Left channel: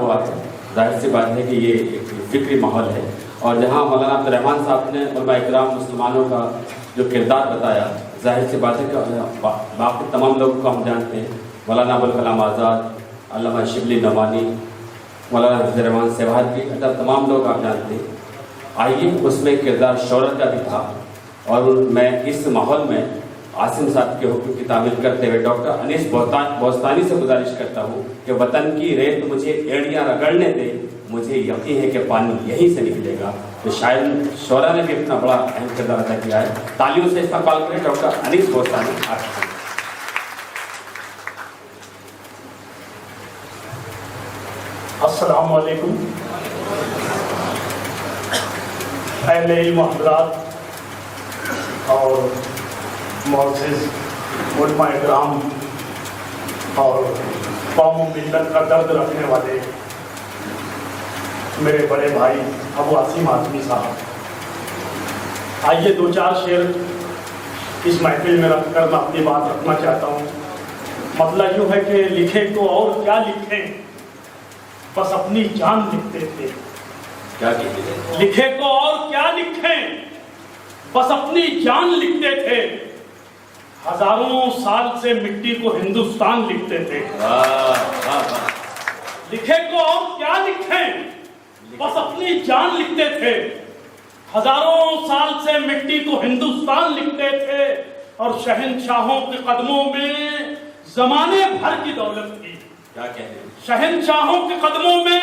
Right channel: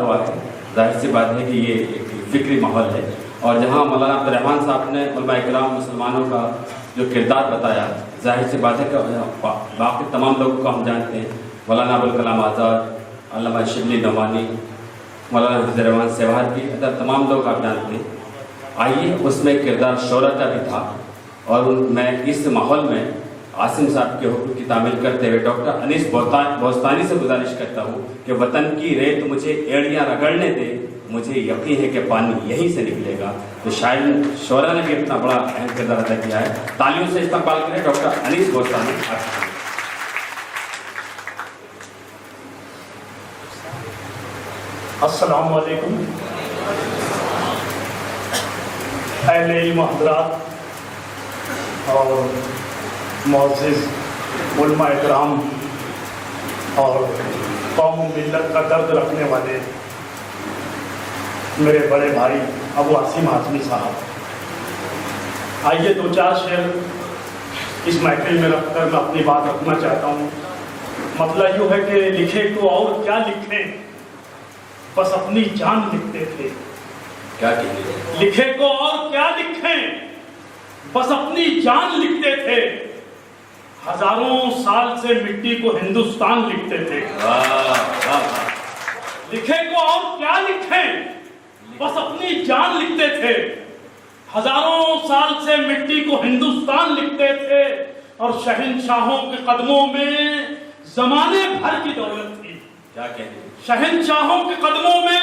ہوا ہے، ظاہر سی بات ہے کہ یہ ایک فکری ماحول ہے، اور جہاں مولانا عبدالرحمن صاحب نے علماء اکرام مسلمانوں کا جو کردار بتایا، ظاہر سی بات ہے کہ باقی تمام لوگوں کو ہم جانتے ہیں، مولانا ابوالکلام آزاد، علامہ شبلی نعمانی، مولانا حفیظ الرحمان سیوہار کی، تمام لوگ آپ جانتے ہیں۔ آئیے اس میں کردار شہرت کا بھی تھا، اور میں اس ماحول میں عاصم صاحب کے حکم کی تعمیل کرتے ہوئے ڈاکٹر انیس بوستانی سے گزارش کرتا ہوں کہ وطن کی ریت مجھے ایڑیاں رگڑنے دے، مجھے یقین ہے کہ پانی یہیں سے نکلے گا۔ تو شاعر شعرا نے بھی اتنا بڑا اہم کردار ادا کیا ہے۔ تالیوں سے استقبال کریں ڈاکٹر انیس بوستانی۔ السلام علیکم اہل علم حضرات اور معزز علماء اکرام اور قوم و ملت کا درد رکھنے والے میرے بڑے بھائی ابو عاصم ہاشمی صاحب، آئیے دو چار شعر اس محفل میں رکھ کر میں اپنی بات رکھنا چاہتا ہوں۔ مسئلہ یوں ہے کہ لکھے تو اور کیا لکھیں، بس اپنی جان لکھتے تھے۔ لکھے تو اور کیا لکھیں، بس اپنی جان لکھتے تھے، ہزاروں سال سے مٹی کو ہندوستان لکھتے تھے۔ لکھے تو اور کیا لکھیں، بس اپنی جان لکھتے تھے، ہزاروں سال سے مٹی کو ہندوستان لکھتے تھے، اور شہنشاہوں کے قدموں میں زمانے بھر کی دولت تھی۔ شہنشاہوں کے قدموں میں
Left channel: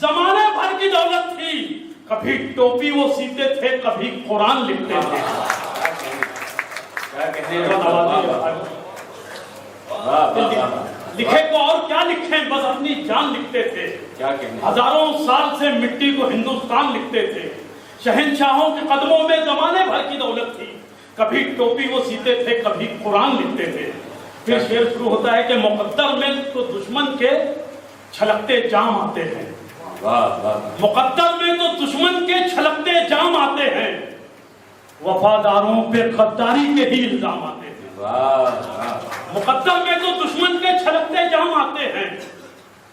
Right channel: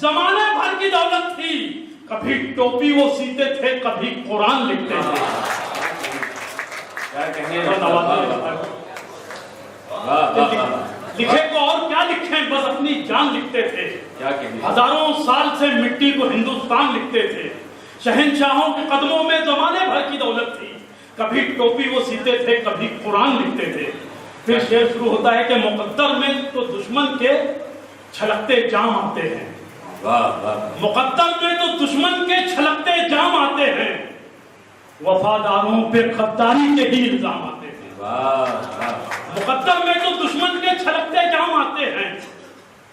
زمانے بھر کی دولت تھی، کبھی ٹوپی وہ سیتے تھے، کبھی قرآن لکھتے تھے۔ لکھے کو اور کیا لکھیں، بس اپنی جان لکھتے تھے، ہزاروں سال سے مٹی کو ہندوستان لکھتے تھے، شہنشاہوں کے قدموں میں زمانے بھر کی دولت تھی، کبھی ٹوپی وہ سیتے تھے، کبھی قرآن لکھتے تھے۔ پھر شعر شروع ہوتا ہے کہ مقدر میں تو دشمن کے چھلکتے جام آتے ہیں، مقدر میں تو دشمن کے چھلکتے جام آتے ہیں، وفاداروں پہ غداری کے ہی الزام آتے ہیں۔ مقدر میں تو دشمن کے چھلکتے جام آتے ہیں،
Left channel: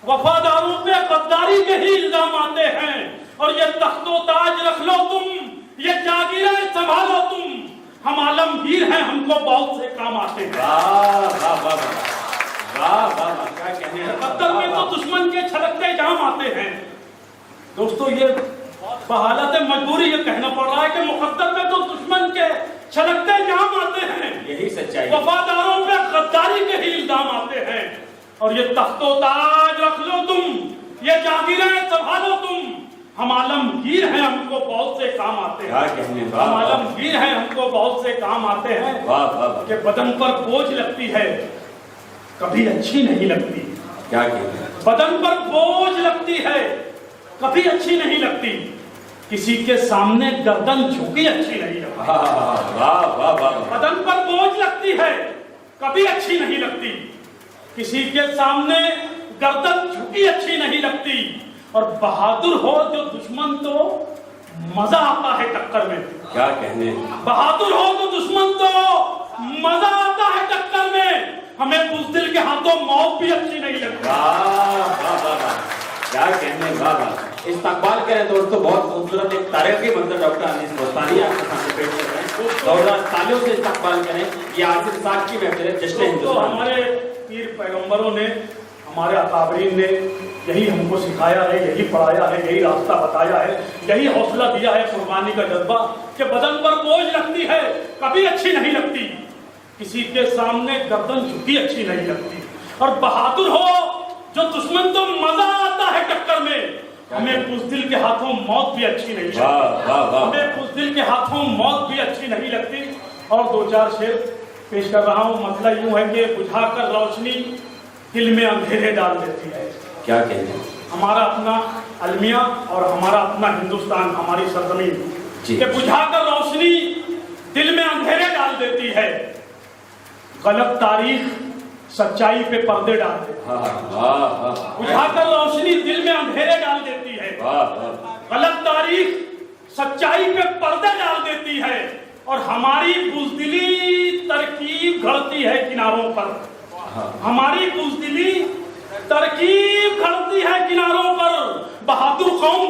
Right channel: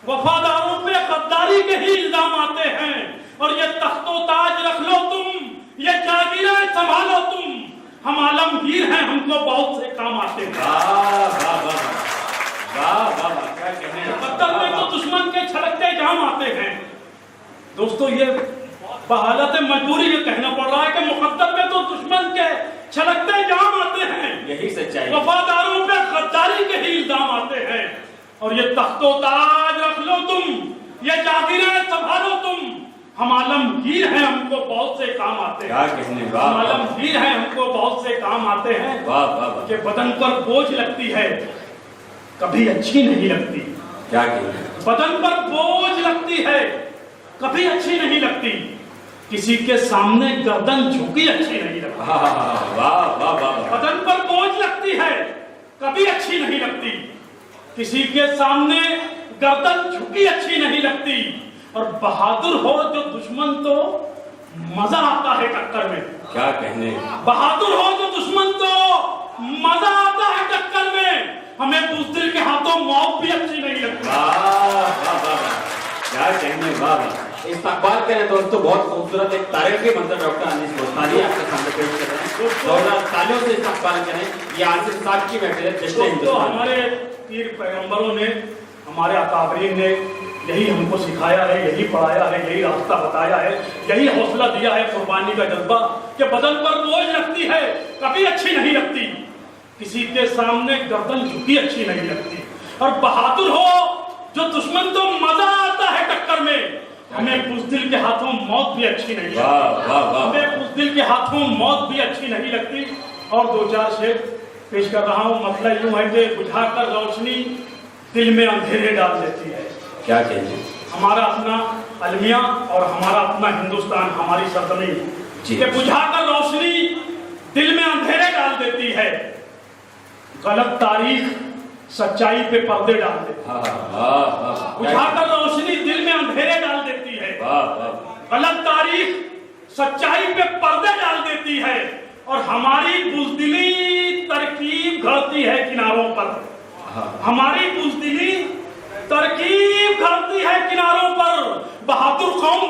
وفاداروں پہ غداری کے ہی الزام آتے ہیں، اور یہ تخت و تاج رکھ لو تم، یہ جاگیریں سنبھالو تم، ہم عالمگیر ہیں، ہم کو بہت سے کام آتے ہیں۔ مقدر میں تو دشمن کے چھلکتے جام آتے ہیں۔ دوستو، یہ بحالت مجبوری یہ کہنا پڑ رہا ہے کہ مقدر میں تو دشمن کے چھلکتے جام آتے ہیں، یہی سچائی، وفاداروں پہ غداری کے ہی الزام آتے ہیں، اور یہ تخت و تاج رکھ لو تم، یہ جاگیریں سنبھالو تم، ہم عالمگیر ہیں، ہم کو بہت سے کام آتے ہیں۔ ہم عالمگیر ہیں، ہم کو بہت سے کام آتے ہیں، کہ بدن پر بوجھ لگتی ہے، کبھی اچھی نہیں لگتی۔ بدن پر بوجھ لگتی ہے، کبھی اچھی نہیں لگتی، کسی کے سامنے گردن جھکی اچھی نہیں لگتی۔ بدن پر بوجھ لگتی ہے، کبھی اچھی نہیں لگتی، کسی کے سامنے گردن جھکی اچھی نہیں لگتی، اور بہادر ہو جو دشمن تو مزہ آتا ہے ٹکر میں۔ بہادر ہو جو دشمن تو مزہ آتا ہے ٹکر میں، ہمیں بزدل کے ہاتھوں موت بھی اچھی نہیں لگتی۔ استقبال کریں دوستو، بہت خوبصورت ایک تاریخی منظر ڈاکٹر انیس بوستانی آپ کے سامنے پیش کر رہے ہیں، اور تالیوں سے استقبال کریں۔ یہ عاصم صاحب کی محفل ہے جشن ہندوستان۔ ہمارے پیر پیغمبروں نے، ہمارے اکابرین نے یہی ہم کو سکھایا ہے، یہی پڑھایا ہے، یہی راستہ بتایا ہے، یہی حوصلہ دیا ہے، قربانی کا جذبہ، کہ بدن پر بوجھ لگتی ہے، کبھی اچھی نہیں لگتی، کسی کے سامنے گردن جھکی اچھی نہیں لگتی، اور بہادر ہو جو دشمن تو مزہ آتا ہے ٹکر میں، ہمیں بزدل کے ہاتھوں موت بھی اچھی نہیں لگتی، ہمیں بزدل کے ہاتھوں موت بھی اچھی نہیں لگتی۔ اور دو چار شعر پیش کر رہا ہوں۔ مسئلہ یوں ہے کہ بجھا کر روشنی دل میں اندھیرے ڈال دیتی ہے۔ کیا کہتے ہیں؟ ہمارا اپنا المیہ اور ہمارا اپنا ہندوستان، ہماری سرزمین، کہ بجھا کر روشنی دل میں اندھیرے ڈال دیتی ہے، غلط تاریخ سچائی پہ پردے ڈال دیتی ہے۔ بجھا کر روشنی دل میں اندھیرے ڈال دیتی ہے، غلط تاریخ سچائی پہ پردے ڈال دیتی ہے، اور ہماری بزدلی ترکیب گھڑتی ہے کناروں پر، ہماری بزدلی ترکیب گھڑتی ہے کناروں پر،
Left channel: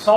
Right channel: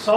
100